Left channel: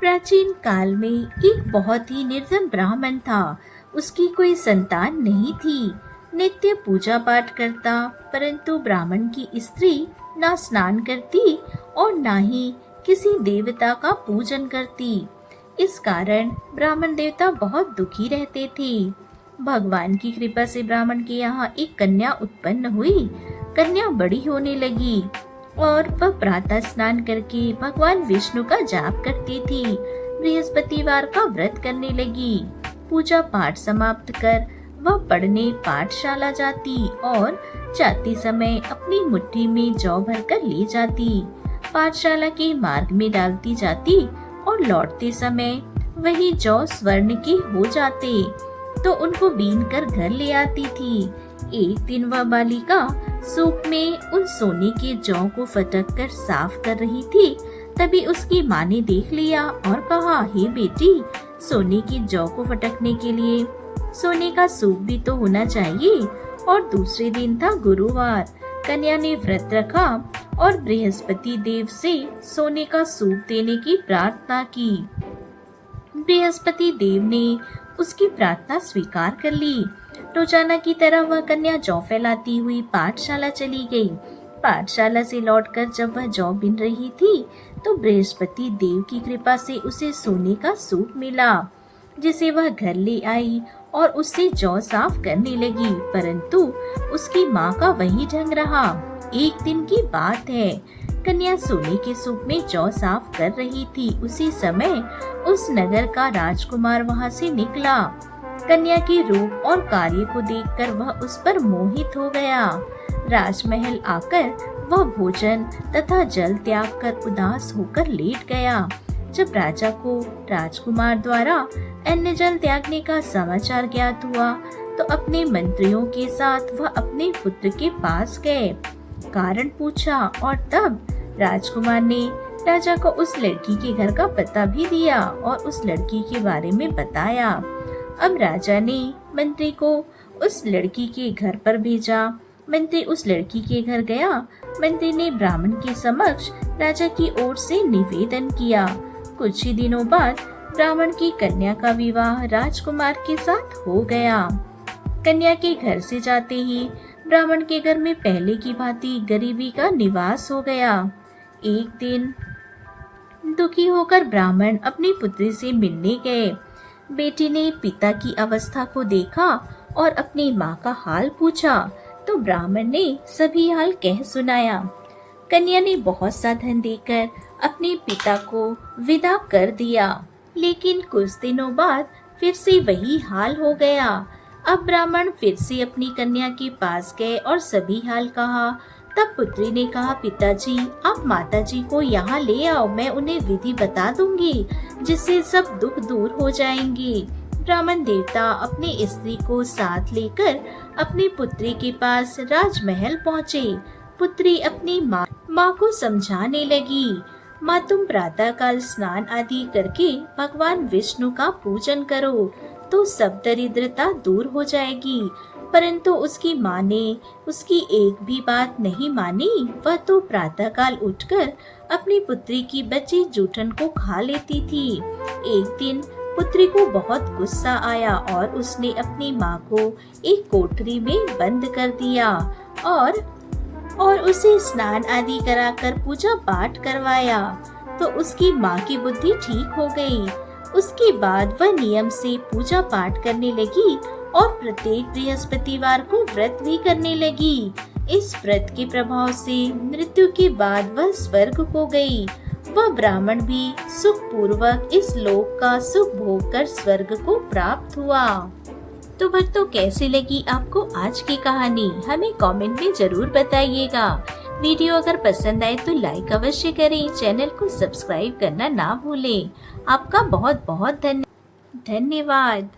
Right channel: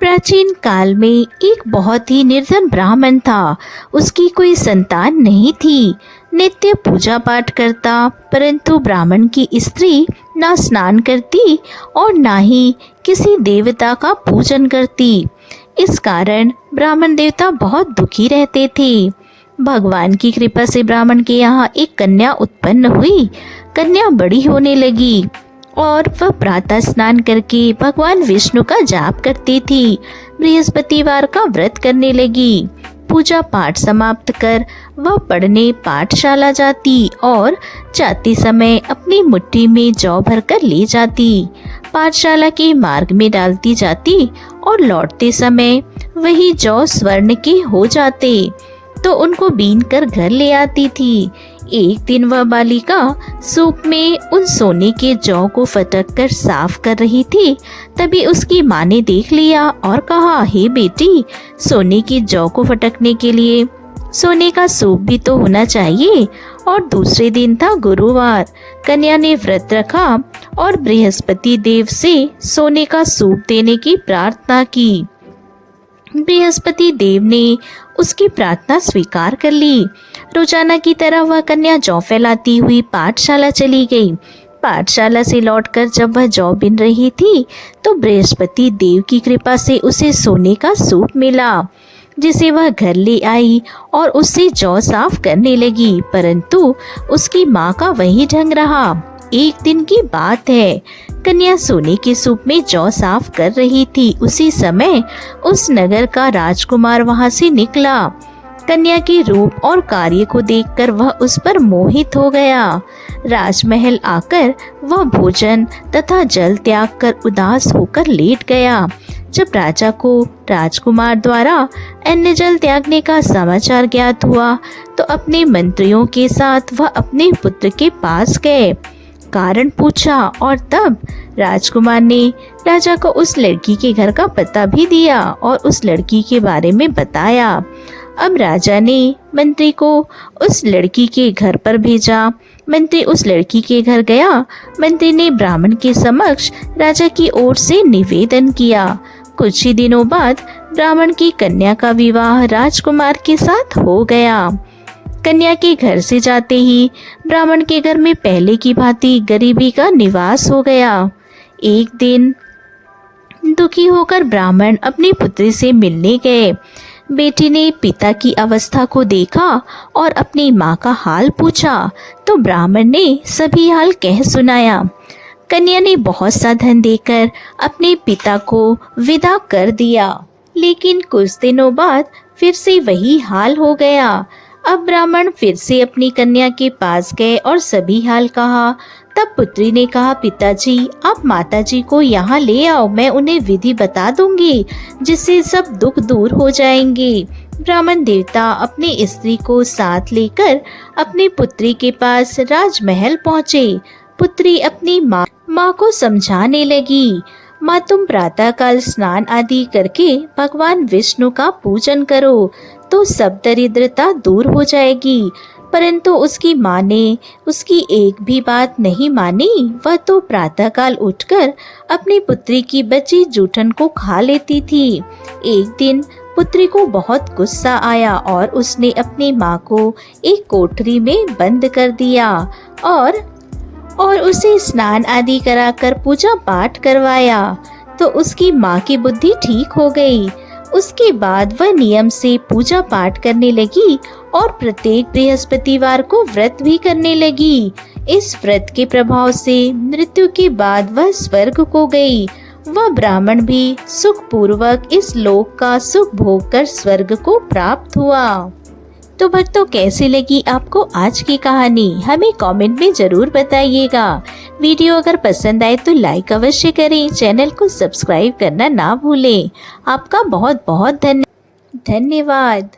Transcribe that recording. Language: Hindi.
प्राचीन काल में एक बहुत ही निर्धन ब्राह्मण था। उसकी कोई संतान नहीं थी। नित्य पूजा पाठ करता, परंतु ब्राह्मण की स्त्री ना स्नान करती और ना ही किसी देवता का पूजन करती। इस कारण ब्राह्मण देवता बहुत दुखी रहते थे। भगवान की कृपा से ब्राह्मण के यहाँ एक कन्या उत्पन्न हुई। कन्या बड़ी होने लगी और वह प्रातः स्नान करके भगवान विष्णु का जाप करती थी। बृहस्पतिवार का व्रत करने लगी। पूजा पाठ समाप्त कर वह पढ़ने पाठशाला जाती और जाते समय अपनी मुट्ठी में जौ भरकर ले जाती। पाठशाला के मार्ग में डालती जाती और लौटते समय वही जौ स्वर्ण के हो जाते, तो उनको बीन कर घर ले आती थी। एक दिन वह बालिका सूप में उन सोने के जौ को फटक कर साफ कर रही थी। तभी उसकी माँ ने देख लिया और कहा, हे बेटी, सोने की जौ को फटकने के लिए सोने का सूप भी तो होना चाहिए। और दूसरे दिन था गुरुवार। कन्या ने व्रत रखा और बृहस्पति देव से सोने का सूप देने की प्रार्थना की। बृहस्पति देव ने उसकी प्रार्थना स्वीकार कर ली। रोजाना की तरह वह कन्या जौ फैलाती हुई पाठशाला चली गई। पाठशाला से लौटकर जब वह जौ बिन रही थी तो बृहस्पति देव की कृपा से उसे सोने का सूप मिला, जिसे वह घर ले आई और उससे जौ साफ करने लगी। परंतु उसकी माँ का वही ढंग रहा। एक दिन की बात है, कन्या सोने के सूप में जौ साफ कर रही थी। उसी समय उस नगर का राजकुमार वहां से निकला। कन्या के रूप और कार्य को देखकर वह उस पर मोहित हो गया। राजमहल आकर वह भोजन तथा जल त्याग कर उदास होकर लेट गया। जब राजा को राजकुमार द्वारा अन्न जल त्यागने का समाचार ज्ञात हुआ तो अपने मंत्रियों के साथ वह अपने पुत्र के पास गए, कारण पूछा और तब राजकुमार ने राजा को उस लड़की के घर का पता भी दिया और उस लड़की के बारे में बताया। अब राजा ने मंत्री को उस लड़की के घर पर भेजा। मंत्री उस लड़की के घर गया। मंत्री ने ब्राह्मण के समक्ष राजा की ओर से निवेदन किया। कुछ ही दिनों बाद ब्राह्मण की कन्या का विवाह राजकुमार के साथ हो गया। कन्या के घर से जाते ही ब्राह्मण के घर में पहले की भांति गरीबी का निवास हो गया। एक दिन दुखी होकर ब्राह्मण अपनी पुत्री से मिलने गए। बेटी ने पिता की अवस्था को देखा और अपनी माँ का हाल पूछा तो ब्राह्मण ने सभी हाल कह सुनाया। कन्या ने बहुत सा धन देकर अपने पिता को विदा कर दिया, लेकिन कुछ दिनों बाद फिर से वही हाल हो गया। अब ब्राह्मण फिर से अपनी कन्या के पास गए और सभी हाल कहा। तब पुत्री ने कहा, पिताजी, आप माताजी को यहाँ ले आओ, मैं उन्हें विधि बता दूंगी जिससे सब दुख दूर हो जाएंगे। ब्राह्मण देवता अपनी स्त्री को साथ लेकर अपनी पुत्री के पास राजमहल पहुँचे। पुत्री अपनी माँ को समझाने लगी, माँ, तुम प्रातः काल स्नान आदि करके भगवान विष्णु का पूजन करो तो सब दरिद्रता दूर हो जाएगी। परंतु उसकी माँ ने उसकी एक भी बात नहीं मानी। वह तो प्रातः काल उठकर अपनी पुत्री की बची जूठन को खा लेती थी। एक दिन पुत्री को बहुत गुस्सा आया और उसने अपनी माँ को एक कोठरी में बंद कर दिया और उसे स्नान आदि कराकर पूजा पाठ करवाया तो उसकी माँ की बुद्धि ठीक हो गई। उसके बाद वह नियम से पूजा पाठ करने लगी और प्रत्येक बृहस्पतिवार को व्रत भी करने लगी। इस व्रत के प्रभाव से मृत्यु के बाद वह स्वर्ग को गई। वह ब्राह्मण भी सुख पूर्वक इस लोक का सुख भोग कर स्वर्ग को प्राप्त हुआ। तो भक्तों, कैसी लगी आपको आज की कहानी? हमें कमेंट में जरूर बताइएगा। वीडियो अगर पसंद आए तो लाइक अवश्य करें, चैनल को सब्सक्राइब करना ना भूलें। आपका बहुत बहुत धन्यवाद।